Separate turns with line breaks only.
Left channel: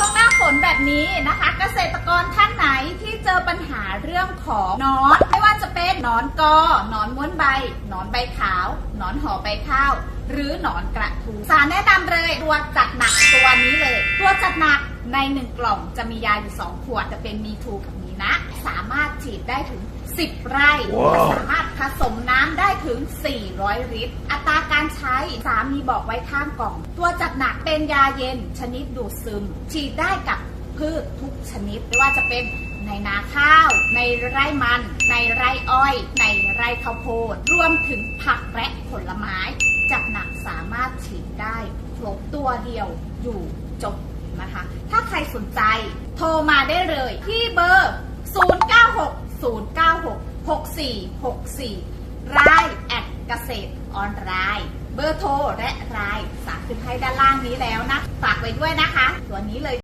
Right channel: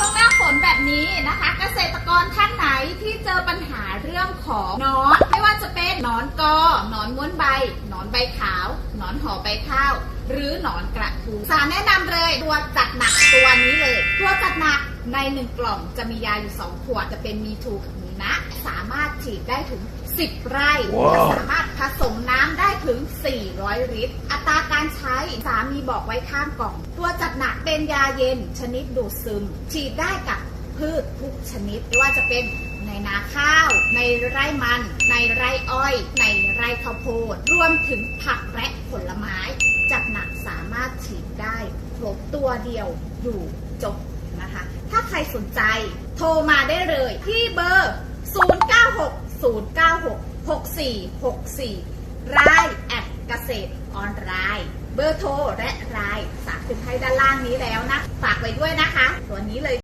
ช่วงหน้าฝนแบบนี้นะคะ เกษตรกรท่านไหนที่เจอปัญหาเรื่องของนอนไม่ว่าจะเป็นนอนกอนอนม้วนใบนอนใบขาวนอนห่อใบข้าว หรือหนอนกระทูสารแนะนำเลยตัวจัดหนักตัวนี้เลย ตัวจัดหนักในหนึ่งกล่องจะมียาอยู่ 2 ขวดจะเป็นมีทูกับมีนะส ฉีดได้ถึง 10 ไร่
ว้าว
สามารถผสมน้ำได้ถึง 400 ลิตร อัตราการใช้สามีบอกไว้ข้างกล่อง ตัวจัดหนักเป็นยาเย็นชนิดดูดซึม ฉีดได้กับพืชทุกชนิดไม่ว่าจะเป็นในนาข้าว ในไร่มัน ในไร่อ้อย ในไร่ข้าวโพด รวมถึงผักและผลไม้ จัดหนักสามารถฉีดได้ครบตัวเดียวอยู่จบนะคะ ถ้าใครสนใจโทรมาได้เลยที่เบอร์ 096 096 6464รายแอดเกษตรออนไลน์เบอร์โทรและรายสาคุณให้ด้านล่างนี้แล้วนะ ฝากไว้ด้วยนะคะ ตัวนี้เลย